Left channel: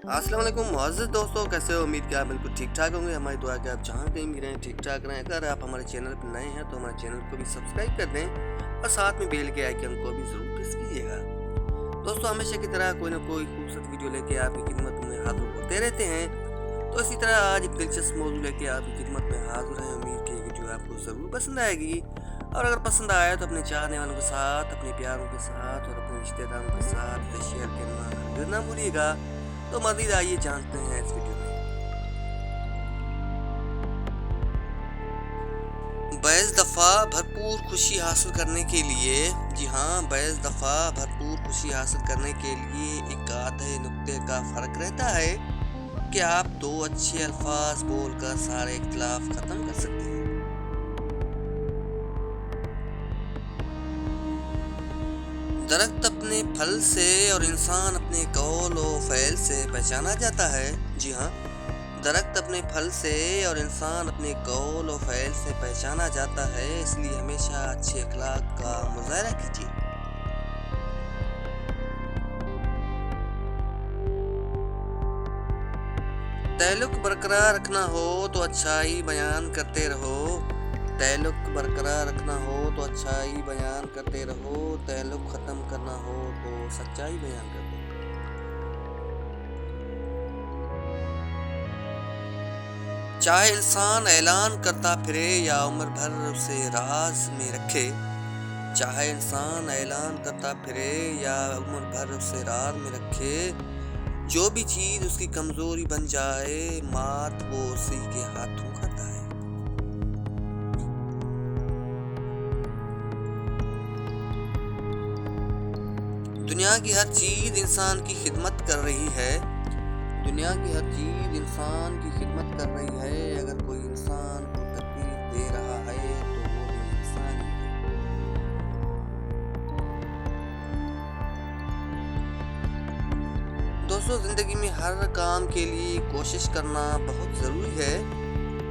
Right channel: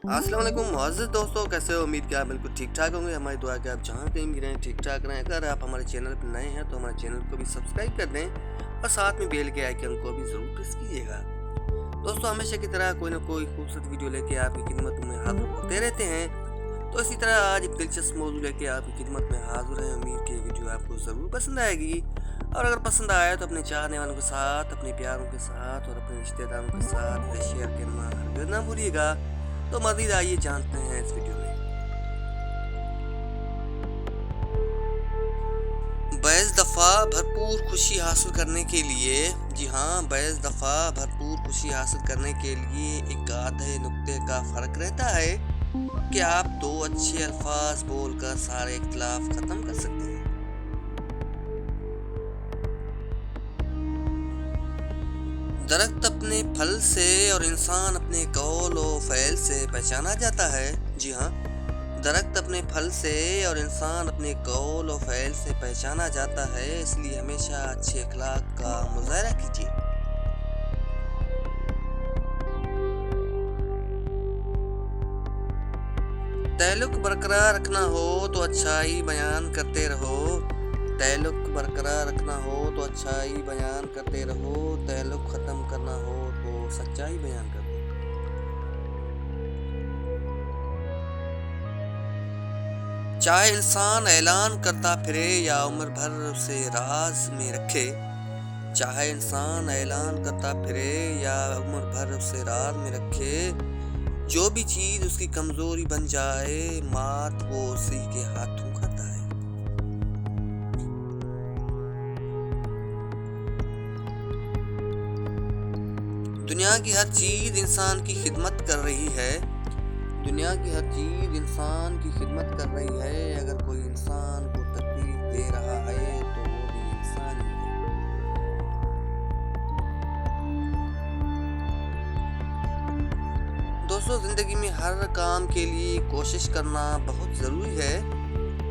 अस्सलाम वालेकुम मुअज़्ज़िज़ दोस्तों, कैसे हो? उम्मीद कि आप बिल्कुल ठीक-ठाक होंगे। हमारी दुआ है कि आप जहाँ कहीं भी रहें ठीक-ठाक रहें। अगर आप हमारे चैनल पर नए हैं तो हमारे चैनल को भी सब्सक्राइब कर दें और साथ में बेल के आइकन को भी ज़रूर प्रेस कीजिएगा। दोस्तों, हमेशा की तरह कोई ना कोई खूबसूरत वीडियो लेके आपकी खिदमत में हाज़िर होते रहते हैं। तो इसी तरह आज एक दिलचस्प मौज़ू लेके आपकी खिदमत में हाज़िर हैं। उम्मीद कि ये वीडियो आपको ज़रूर पसंद आएगी और अगर पसंद आए तो अपने चाहने वालों के साथ, अपने प्यारों के साथ और अपने रिश्तेदारों के साथ इसे शेयर करना हरगिज़ ना भूलिएगा। तो मज़ीद आइए जानते हैं इस वीडियो में। बैज़ दफ़ा भरपूर खुशी हासिल करने के लिए जी हाँ, बैज़ दफ़ा भरपूर खुशी हासिल करने के लिए एक आधे नुक्ते का फ़र्क रहता है कि आप दो अच्छे अल्फाज बोलकर सारे इख्तिलाफ ख़त्म कर सकते हैं। दरख्त अपने फल से और इंसान अपने कौल और फ़ैल से पहचाना जाता है। जी हाँ, दरख्त अपने फल से और इंसान अपने कौल और फ़ैल से पहचाना जाता है, इसलिए हमेशा अच्छे अखलाक का मुज़ाहरा कीजिए। ताल्लुक़ बरकरार रखना हो तो अच्छाई बयान करते रहो। ताल्लुक़ बरकरार रखना हो तो अच्छाई बयान करते रहो। ताल्लुक़ ख़त्म करना हो तो सच्चाई बयान कर दो। चाहे इंसान ऐलान करता फिरे या उम्र भर उसे राज में रखे। चाहे इंसान ऐलान करता फिरे या उम्र भर उसे राज में रखे, जो भी चीज उसकी कमजोरी बन जाए, मात वो उसी के हाथों खाता है। दुनिया की हर चीज इंसान की खिदमत कर रही है। दुनिया की हर चीज इंसान की खिदमत कर रही है। अगर कोई इंसान को तकलीफ दे रहा है तो वो भी इंसान ही है। दोस्तों, जिंदगी में हर काम के लिए कोशिश करना बहुत ज़रूरी है।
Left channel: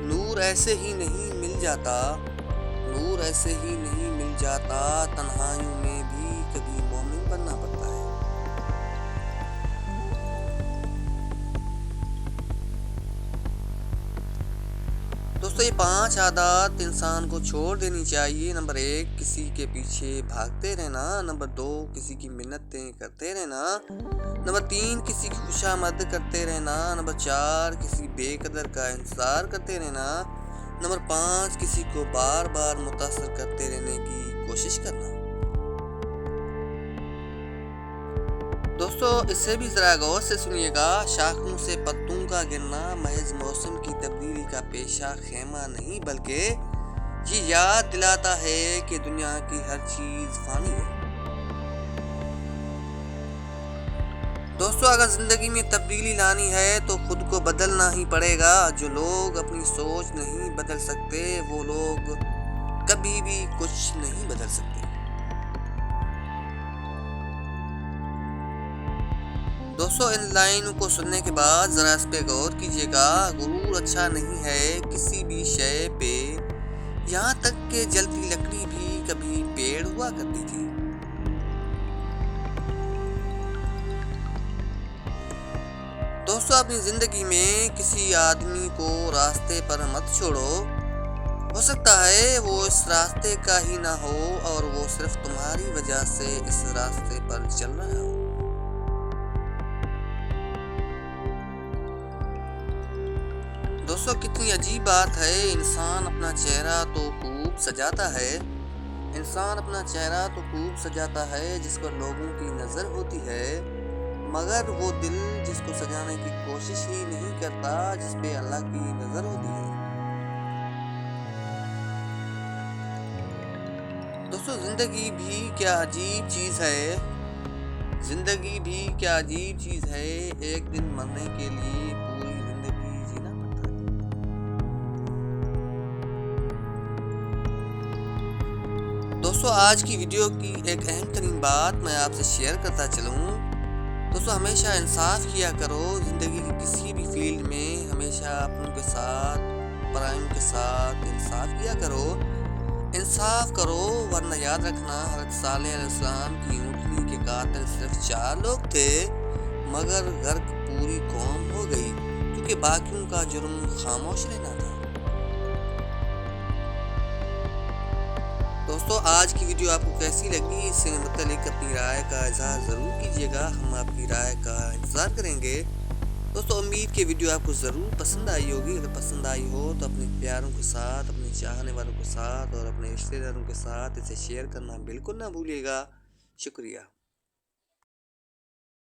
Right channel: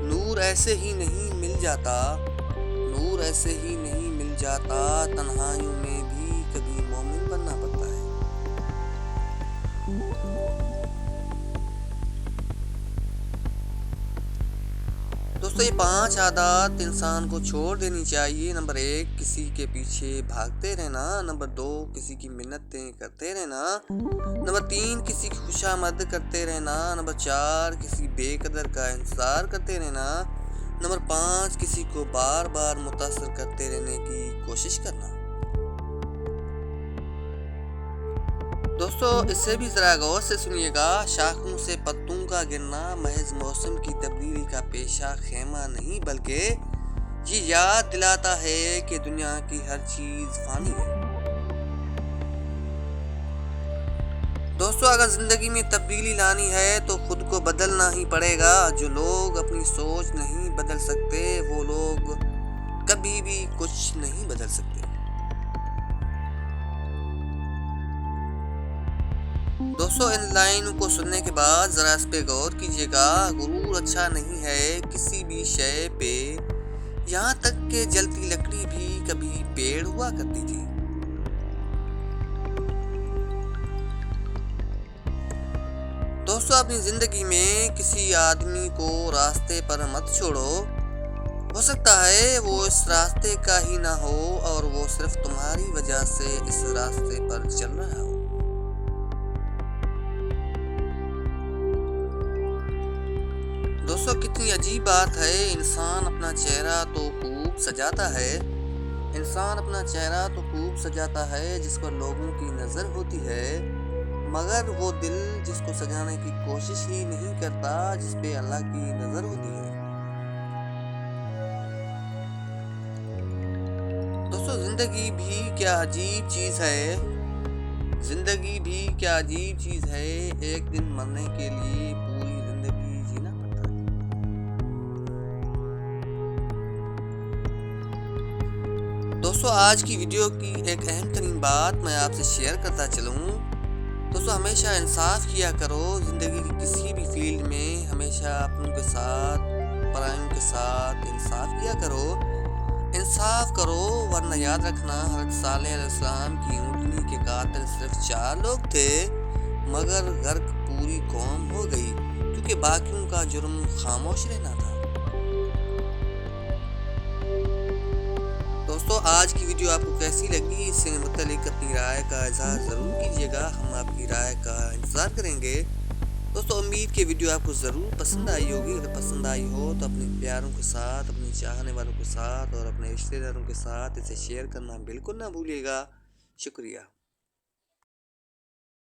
नूर ऐसे ही नहीं मिल जाता। नूर ऐसे ही नहीं मिल जाता। तन्हाइयों में भी कभी मोमिन बनना पड़ता है। दोस्तों, ये 5 आदत इंसान को छोड़ देनी चाहिए। नंबर 1, किसी के पीछे भागते रहना। नंबर 2, किसी की मिन्नतें करते रहना। नंबर 3, किसी की खुशामद करते रहना। नंबर 4, किसी बेकदर का इंतज़ार करते रहना। नंबर 5, किसी को बार बार मुतासर करते रहने की कोशिश करना। दोस्तों, इसे भी ज़रा गौर से सुनिएगा। शाखों से पत्तों का गिरना महज मौसम की तब्दीली का पेशा खेमा नहीं, बल्कि ये याद दिलाता है कि दुनिया की हर चीज़ फ़ानी है। दोस्तों, अगर ज़िंदगी में तब्दीली लानी है तो खुद को बदलना ही पड़ेगा। जो लोग अपनी सोच नहीं बदल सकते, वो लोग कभी भी कुछ नहीं बदल सकते। दोस्तों, इन लाइनों को सुनने के बाद ज़रा इस पे गौर कीजिएगा। गुरूर अच्छा नहीं है किसी भी शय पे, यहाँ तक कि जलती लकड़ी भी कभी पेड़ हुआ करती थी। दोस्तों, अपनी ज़िंदगी में किसी आदमी को रास्ते पर मत छोड़ो। हो सकता है वो इस रास्ते का ही ना हो और वो सिर्फ तुम्हारी वजह से इस रास्ते पर चल रहा हो। दोस्तों, कितनी अजीब बात है। इंसान अपना चेहरा तो खूब सजाता है। इंसान अपना चेहरा तो खूब सजाता है जिस पर लोगों की नज़र होती है, मगर वो दिल जिसको सजाने की कोशिश ही नहीं करता, जिस पे अल्लाह की नज़र होती है। दोस्तों, ज़िंदगी भी क्या अजीब चीज़ है। ज़िंदगी भी क्या अजीब चीज़ है। एक दिन मरने के लिए पूरी ज़िंदगी जीना पड़ता है। दोस्तों, आज की वीडियो की एक अहम तरीन बात मैं आपसे शेयर करता चलूँ। दोस्तों, हमेशा इंसाफ किया करो। ज़िंदगी की किसी भी फील्ड में हमेशा अपनों के साथ, परायों के साथ इंसाफ किया करो। इंसाफ करो, वरना याद रखना हज़रत सालेह अलैहिस्सलाम की ऊँटनी के कातिल सिर्फ 4 लोग थे, مگر غرق پوری قوم ہو گئی کیونکہ باقیوں کا جرم خاموش رہنا تھا۔ دوستو آج کی ویڈیو آپ کو کیسی لگی، اس سے متعلق اپنی رائے کا اظہار ضرور کیجیے گا، ہم آپ کی رائے کا انتظار کریں گے۔ دوستو امید کہ ویڈیو آپ کو ضرور پسند آئی ہوگی، اگر پسند آئی ہو تو اپنے پیاروں کے ساتھ، اپنے چاہنے والوں کے ساتھ اور اپنے رشتہ داروں کے ساتھ اسے شیئر کرنا بالکل نہ بھولیے گا۔ شکریہ۔